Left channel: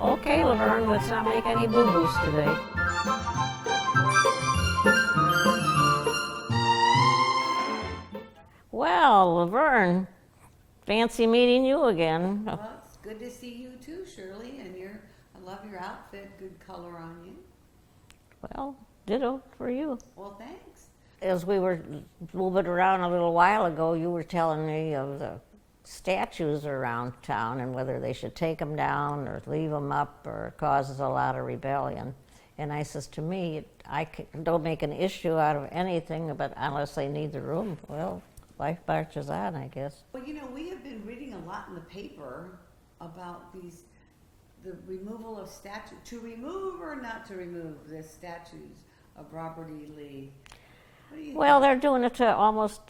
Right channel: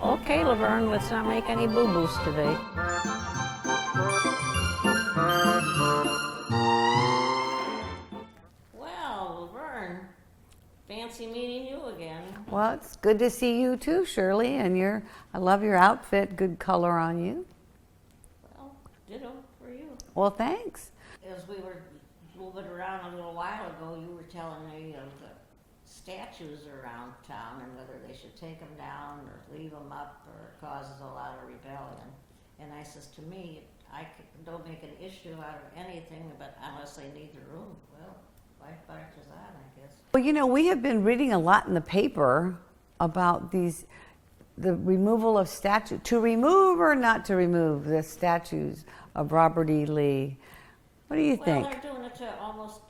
Okay, Lavern, let's not make any boo-boos today. Well, Lavern, fancy meeting you again. Well, it's good to see you too, Shirley, and I love your outfit, good color on you. Well, ditto for you. Well, thanks. As we were moving around a little while ago, you were telling me of the statues around town and whether they should take them down or leave them up, or it causes a lot of rebellion. And I says, to me, don't make an issue out of anything, but unless they need the room, well, life marches on, I guess. Well, you know, we have been reading a lot in the paper about the removal of statues, to remove or not to remove the statues of Robert E. Lee. What do you think? Well, they're doing it to almost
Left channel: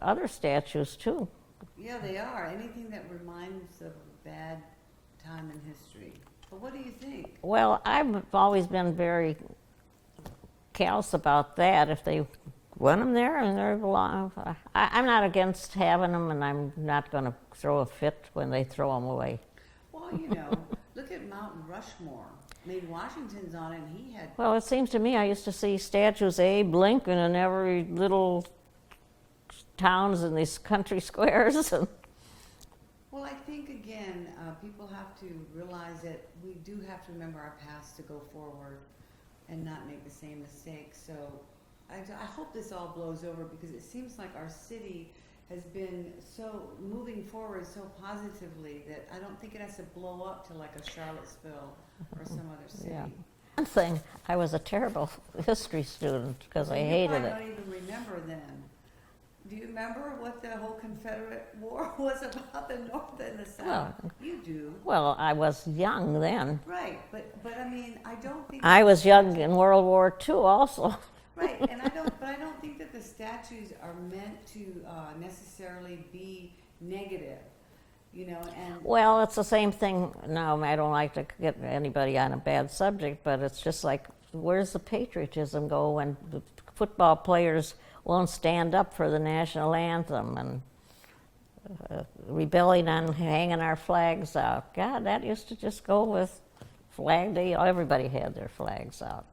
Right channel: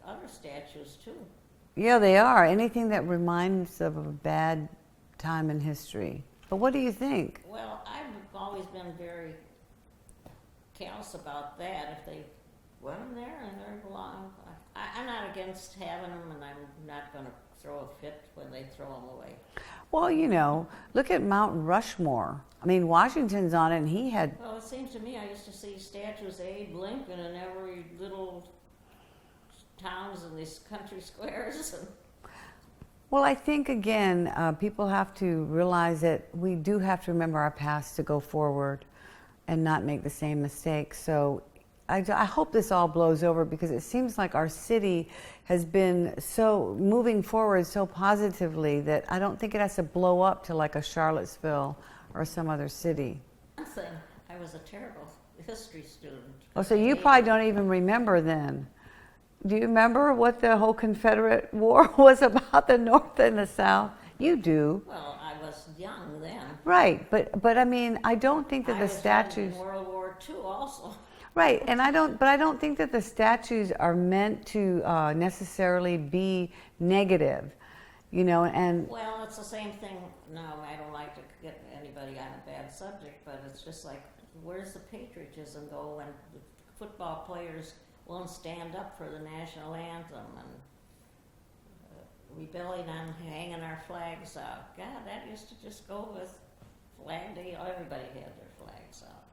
other statues too. Yeah, they are. Anything that reminds of a bad time in history. But what do you think? Well, I've always been very callous about that. If they want them there and they belong, I'm not against having them, and I'm not going to throw a fit when they throw them away. Well, you know, look at Mount Rushmore. I mean, Washington's on it, and he had... Well, it seems to me I used to see statues of Abe Lincoln in every little towns in these country squares. Well, I think, again, people have to realize that we do have to remember our past to go forward and not make the same mistakes. So I hope this all blows over, because it seems like our city has been so moving forward so positively that I don't think it has to blow up to like a Charlottesville or some other city. Yeah. One thing, I was a terrible history student. Oh, so you probably don't even remember then. Do you remember what the whole Confederate War was about, the North and the South? No. You do. Well, I was young then. Right, but I mean, I don't think that I was young in World War II also. Right, and I don't think that the statues are meant to necessarily be negative, you know, and... Well, it's the same thing. No, I don't like to get anybody on a bad subject, but it's just like, where's the patriotism go when the football players won't stand up for the national anthem and rebelling on hanging our flags out? God, that used to just go with Flag Day. Everybody had their flags out.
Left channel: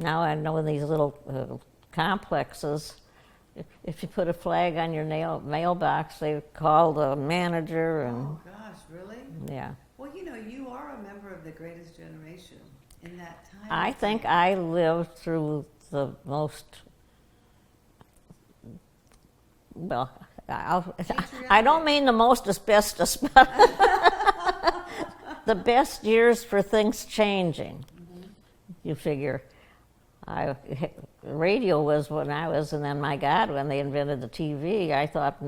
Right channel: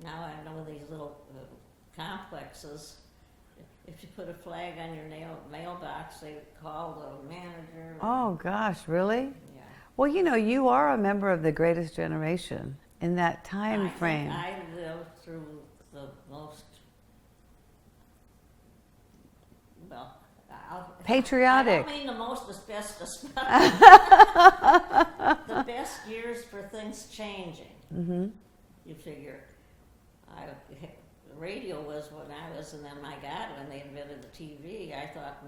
Now I know in these little complexes, if you put a flag on your mailbox, they call the manager. And, oh gosh, really? Yeah. Well, you know, you are a member of the greatest generation in that time frame. I think I lived through the most, well, patriotic. I don't mean the most asbestos, but the best years for things changing. Mm-hmm. You figure. Radio was when I was, and then my God, when they invented the TV, I thought,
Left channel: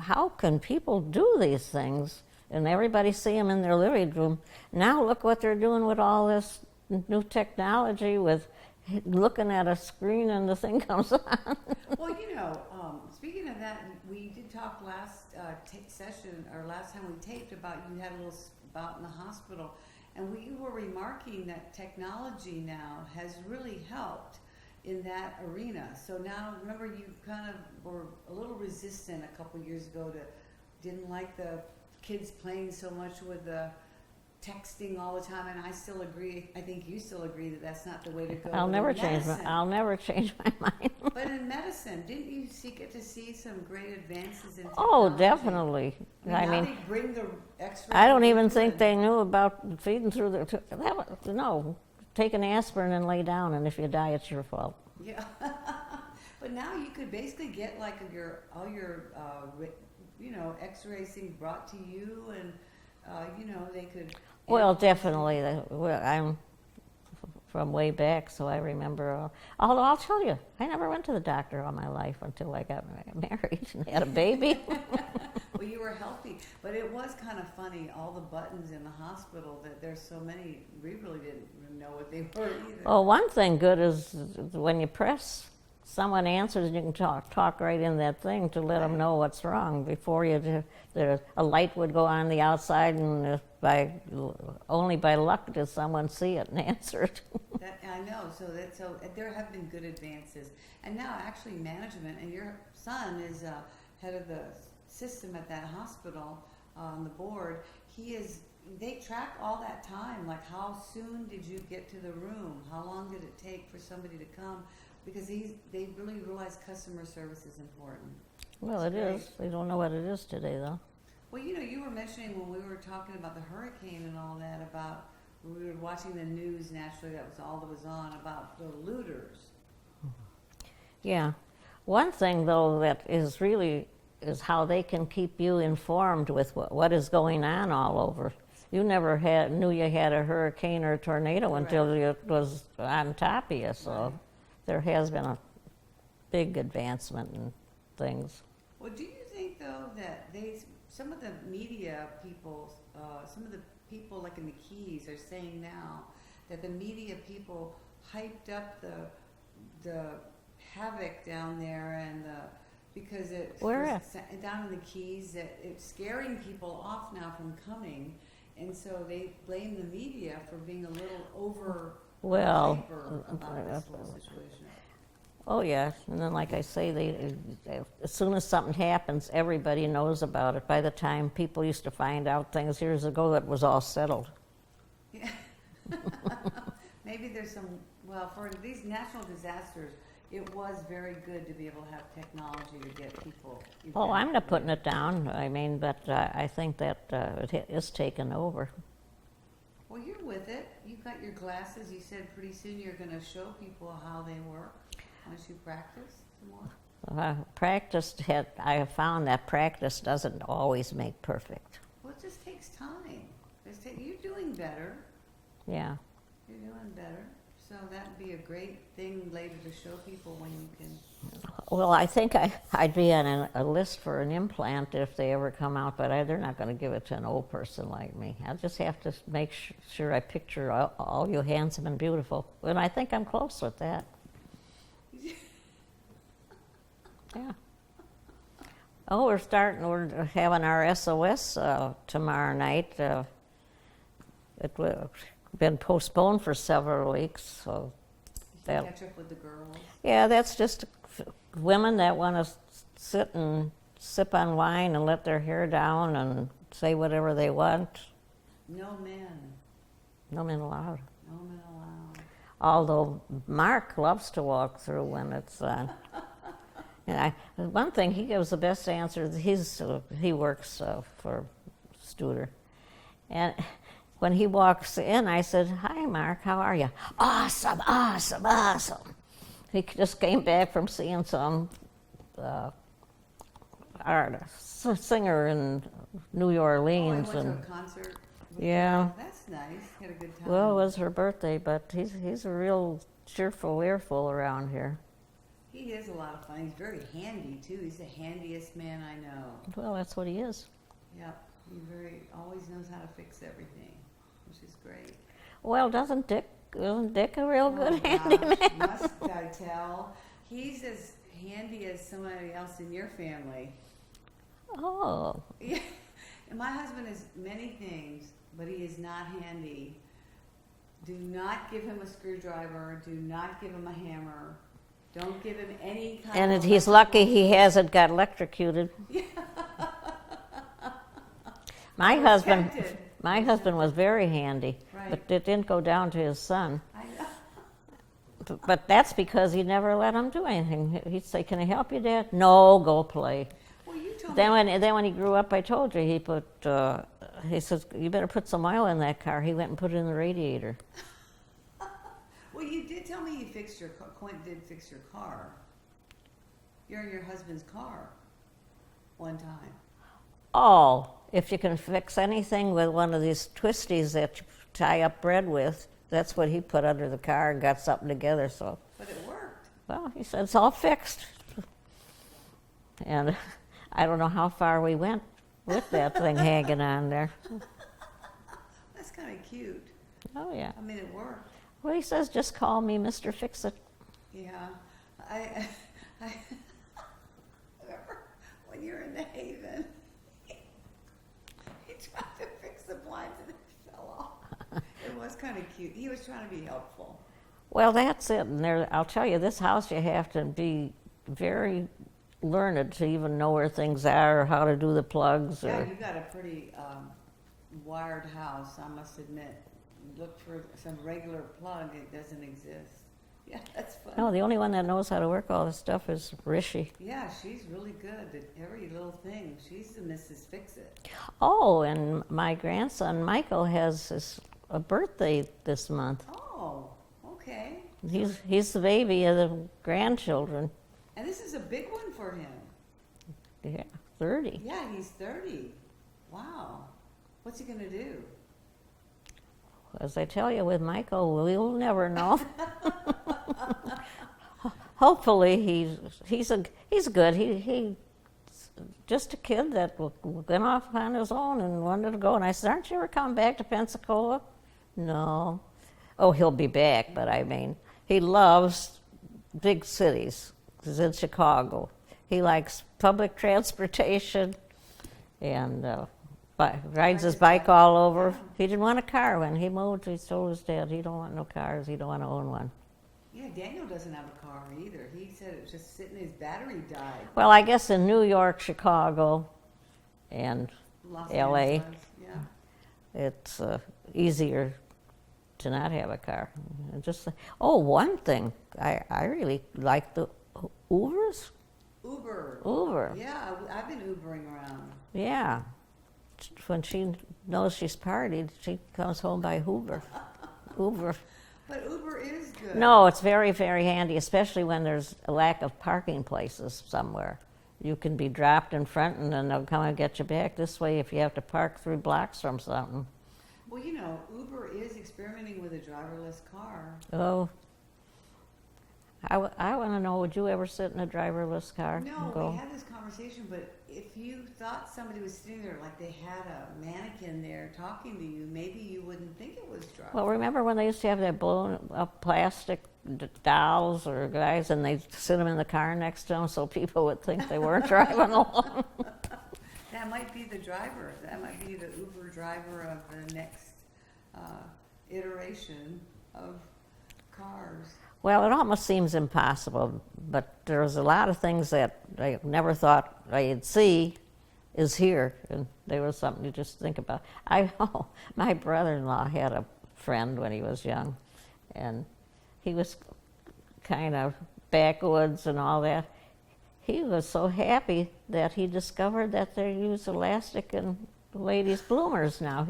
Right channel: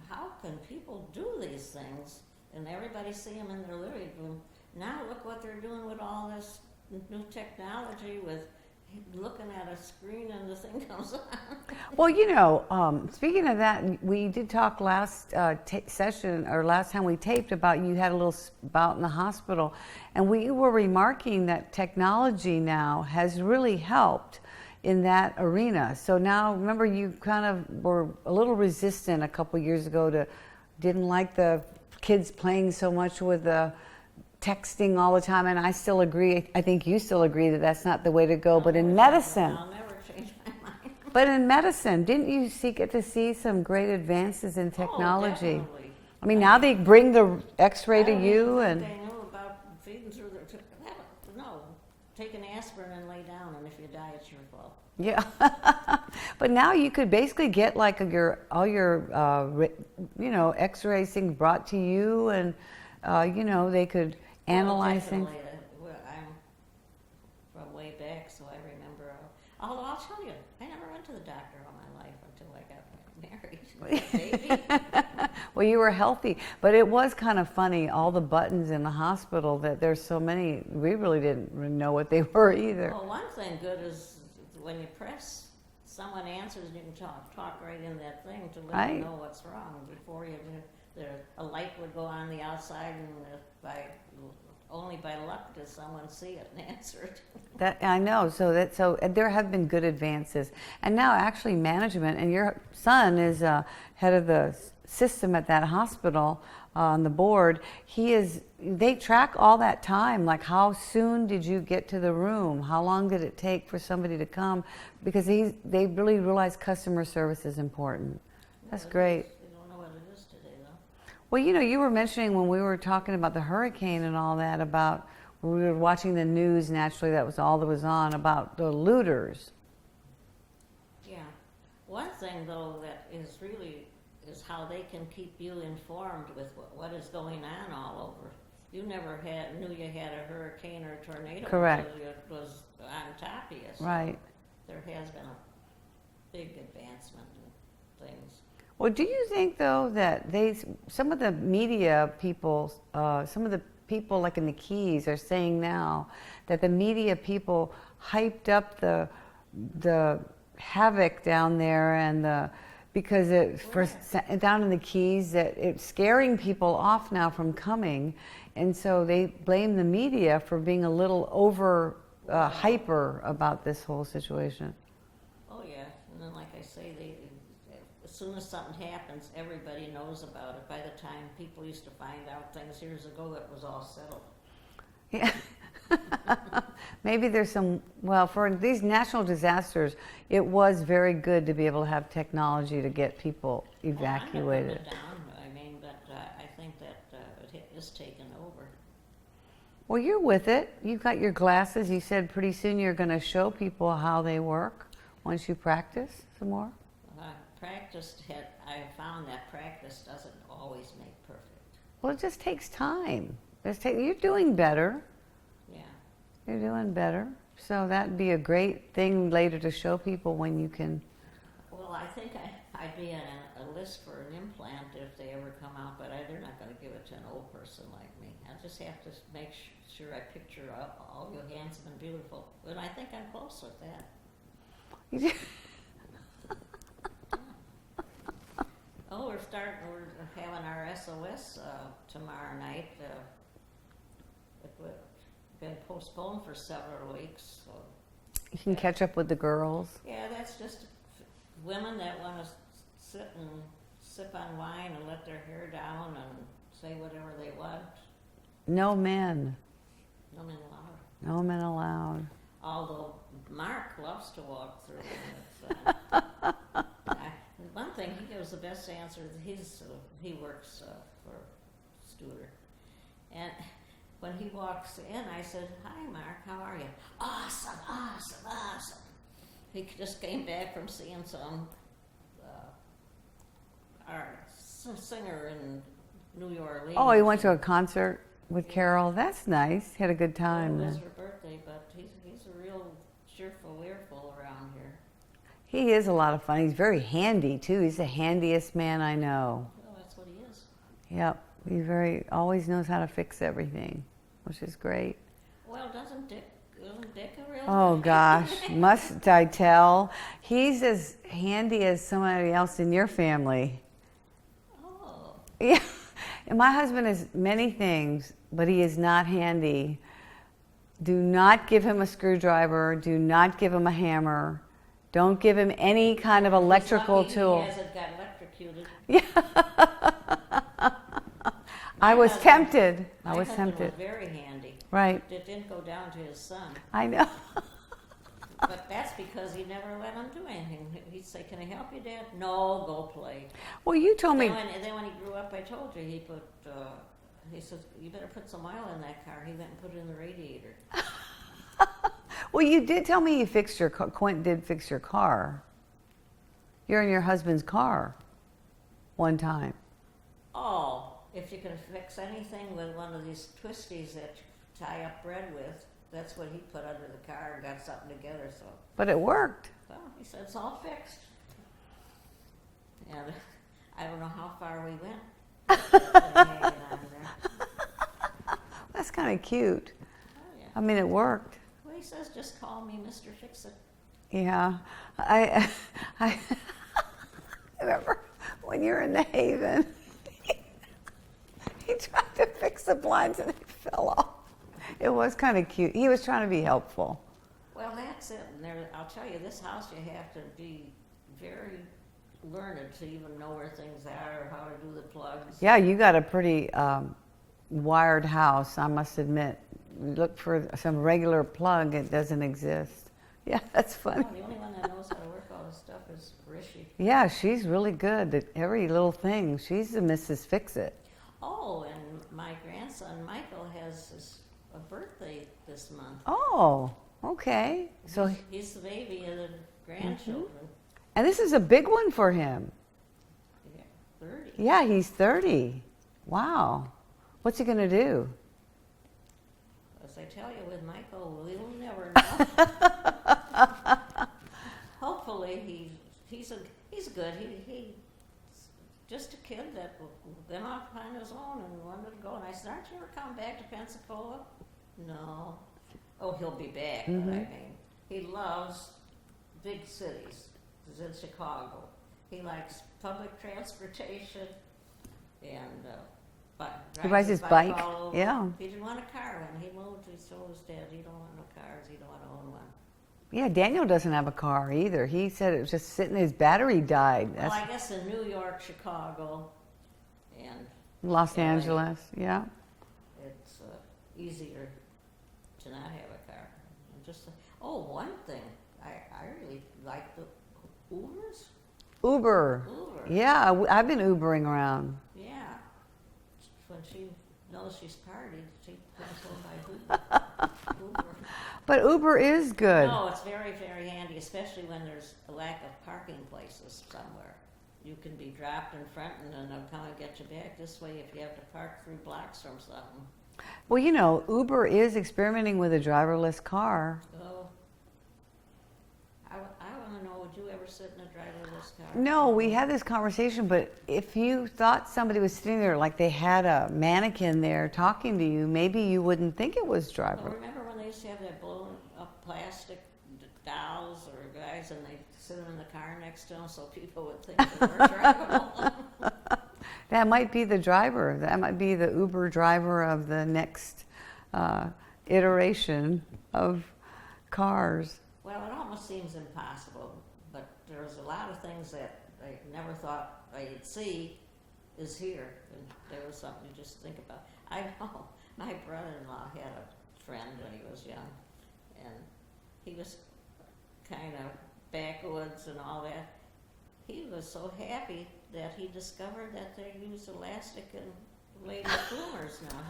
how can people do these things? And everybody see them in their living room. Now look what they're doing with all this new technology, with looking at a screen and the thing comes on. Well, you know, speaking of that, we did talk last session, or last time we taped, about you had a little bout in the hospital, and we were remarking that technology now has really helped in that arena. So now, remember, you kind of were a little resistant a couple years ago didn't like the kids playing so much with the texting all the time, and I still agree. I think you still agree that that's not the way to go. But in medicine, I'll never change my mind. But in medicine, didn't you get to see some great advances in technology? Oh, definitely. I mean, now they bring the X-ray to you. I don't even think they knew about feeding through the. No, take an aspirin and lay down, and if you die, it's your fault. Yeah, but now you could basically get like all your you know, X-ray things brought to you, and you know, they could. Well, definitely. I'm from way back, so I remember. Although I'll tell you, I never went to the doctor all my life until I got married and had a baby. Well, you were healthy, but it was kind of funny, all the buttons in the hospital, that there's so many, we really didn't know what they were either. Oh, one thing good is when you press, someone answers and you can talk right in that thing to let them know what's wrong before you do. A light would go on the outside, and only by luck does someone see it and answer it. That I know. So there have been good advances, and now actually management. And your son is head of the system at that hospital. on the board, they track all that time, like how soon did you get to the room? How long did it take for somebody to come? Because they really realize customer service is important. Well, That's it great. is. They don't know what it is today, though. Well, you were mentioning when we were talking about the hurricane and all that, about we were watching the news, naturally, that was all that was on, about the looters. Yeah. One thing, though, that is really is how they can keep you informed with what is going on all over. You never knew you had a hurricane or a tornado Correct. until it was on top of you. So Right. there has been a big advancement in things. Well, do you think, though, that some of the media people, some of the people like in the Keys are saying now that the media people hyped up the havoc down there and because down in the Keys, that it's scaring people off now from coming, and so they blame the media for being a little hyper about this whole situation. Oh, yeah. And then, like I say, as soon as something happens, everybody knows about it. By the time people used to find out things years ago, it was all settled. Yeah. Maybe there's for these national disasters, it was very good to be able to have technology to get people evacuated. Oh, I'm not putting it down. I mean, but I think that it is taken over. Well, you're with it. You've got your glasses. You said pretty soon you're going to show people how they work once you practice some more. I have found that practice doesn't always make perfect. Well, it just takes time. You're doing better. Yeah. You're doing better. So that'd be a great thing later to show people when you can. Well, I think I'd be on a list for an implant if they ever come out, but they're not going to give it to an old person like me. I'll just have to make sure I picture all you handsome and beautiful. And I think I'm close with that. Yeah. Oh, we're having our SOS tomorrow night. It's been postponed for several weeks. So You can catch up with the girls. yeah, that's just women that want to sit and sip on wine and let their hair down and say whatever they want. No men. No men allowed. No men allowed. Although Mark loves to walk through when it's on. And one thing, he gives the best answers. He works for Studer. And when he walks in, I said, "Hi, Mark, how are you?" "Awesome, awesome, awesome." He just came back from seeing some singer in New Orleans. Oh, he went to a concert with Carol. That's nice. Had a good time. Well, it was her birthday, but he's a real cheerful earful around here. He is a lot of fun. He's very handy, too. He's the handiest man I know. Well, that's what he is. Yep. He always knows how to fix everything, which is great. Well, isn't Dick a real Oh, good gosh. handyman? Must I tell? He's as handy as somebody else in your family. Oh. Yeah. And my husband is many things, but he is not handy. Do not give him a screwdriver. Do not give him a hammer. Don't give him any kind of electrical he's lucky tool. he hasn't got electrocuted. Yeah. I was tempted. My husband was very handy. Right. But it didn't go down to his son. I know. But that's because he never let him do anything. He'd say, "Can I help you, Dad?" "No, go play." Well, you told me. Then when he grew up, I told you, he says, "You better put some oil in that car." He went and put it in the radiator. Well, you did tell me you fixed your car. Quint did fix your car. You're in your husband's car one time. Oh, if you can fix anything with one of these twisties that you tie up bread with, that's what he put under the car and got something together. So, But it worked. well, he said, "It's all fixed." And I don't know how far we went with that thing hanging on there. That's kind of cute. Oh, yeah. I mean, it worked. Well, he says, "Just call me Mr. Fix-It." Yeah. I remember when you were in the Haven, he tried to fix the blinds and they fell off. It was kind of cute. He was trying to be helpful. Well, that's it. And I'll tell you, this house, you have to be very learned to even know where things are, or how to do the plugs. Yeah, or- you got a pretty wired house, I must admit. Look for some regular plug, it doesn't exist. Yeah, that's fun. No, the only one that knows how to work all this stuff is Rishi. Yeah, she's really good at every little thing. She's the Mrs. Fix-It. Oh, and my grandson Michael has a birthday this month. Oh, okay. So, He's the baby of the grandchildren. and this is a big one for him. Yeah, 30. Yeah, he's 30. Wow. What's he going to do? As I tell you, with Michael, we'll never know. Hopefully, he's good. He's just a kid that went off on his own and wanted to go. And I said, "Aren't you ever coming back to Pensacola?" No. Oh, he'll be back, but I mean, he loves big cities. He's in Chicago. He likes public transportation, and rides his bike all over. Yeah. He didn't want a car when he moved. He told his dad he don't want no cars. He don't want to own one. Yeah, Daniel doesn't have a car either. He said it was just sitting, his battery died. Well, I guess in New York, Chicago, and Los LA. Angeles, yeah. it's easier to not have a car. One thing, I really like the Ubers. Uber. Yeah, I've been Ubering around. Yeah. When she knows she's partied, she comes home by Uber. But Uber is good. No, it's very, very handy, especially when there's a lack of parking places somewhere. You can be dropped in front and then they'll come and get you back. This way, if you have to park 3 blocks from something. Well, you know, Uber is experimenting with a driverless car. Oh, I want to know, would you ever sit in a driverless car? No, we Oh. had this conversation, but if you thought somebody was sitting there like they had a mannequin there talking to you, maybe you wouldn't think it was driverless. Well, remember when they used to have that blown up plastic dolls or guys and they'd sit them in the car next to them so people would think they weren't driving along? That might be the driver. That might be the Uber driver of the next iteration of cars. Well, it almost seems impossible, but there's a lot of things that I never thought I'd see is here, and there was something to just think about. My brother-in-law had a friend when he was young, and he was kind of backwoods and all that. He was so happy that he discovered that they use elastic in ladies' bloomers now.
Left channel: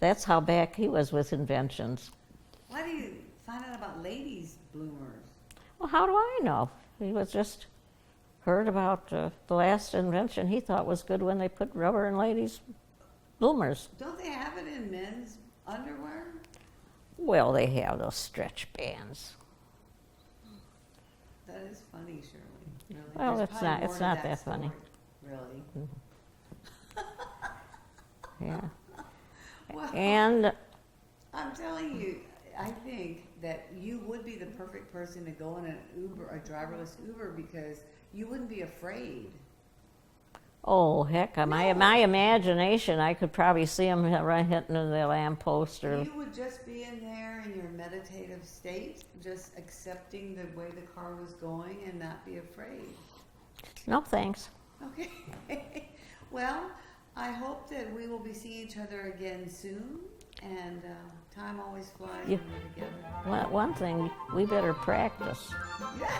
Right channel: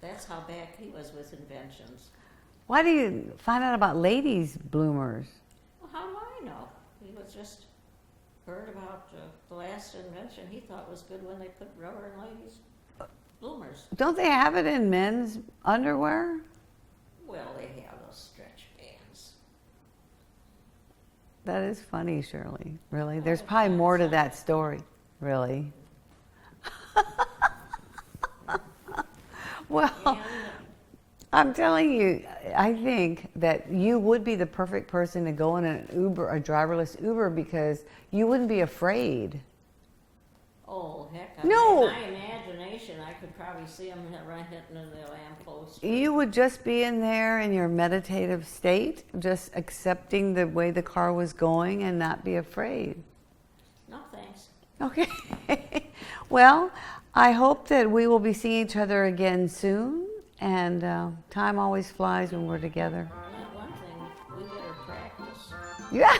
That's how back he was with inventions. Why do you find out about ladies' bloomers? Well, how do I know? He was just heard about the last invention he thought was good when they put rubber in ladies' bloomers. Don't they have it in men's underwear? Well, they have those stretch bands. That is funny, Shirley. Really? Well, There's it's probably not- more it's to not that that story. Really? Yeah. Well, And I'm telling you, I think that you would be the perfect person to go in an Uber, a driverless Uber, because you wouldn't be afraid. oh heck, No. my imagination, I could probably see him right hitting the lamppost. Or, You would just be in there in your meditative state, just accepting the way the car was going and not be afraid. no thanks. Okay. Well, I hope that we will be seeing each other again soon. And time always flies when we're together. One thing, we better practice. Yeah.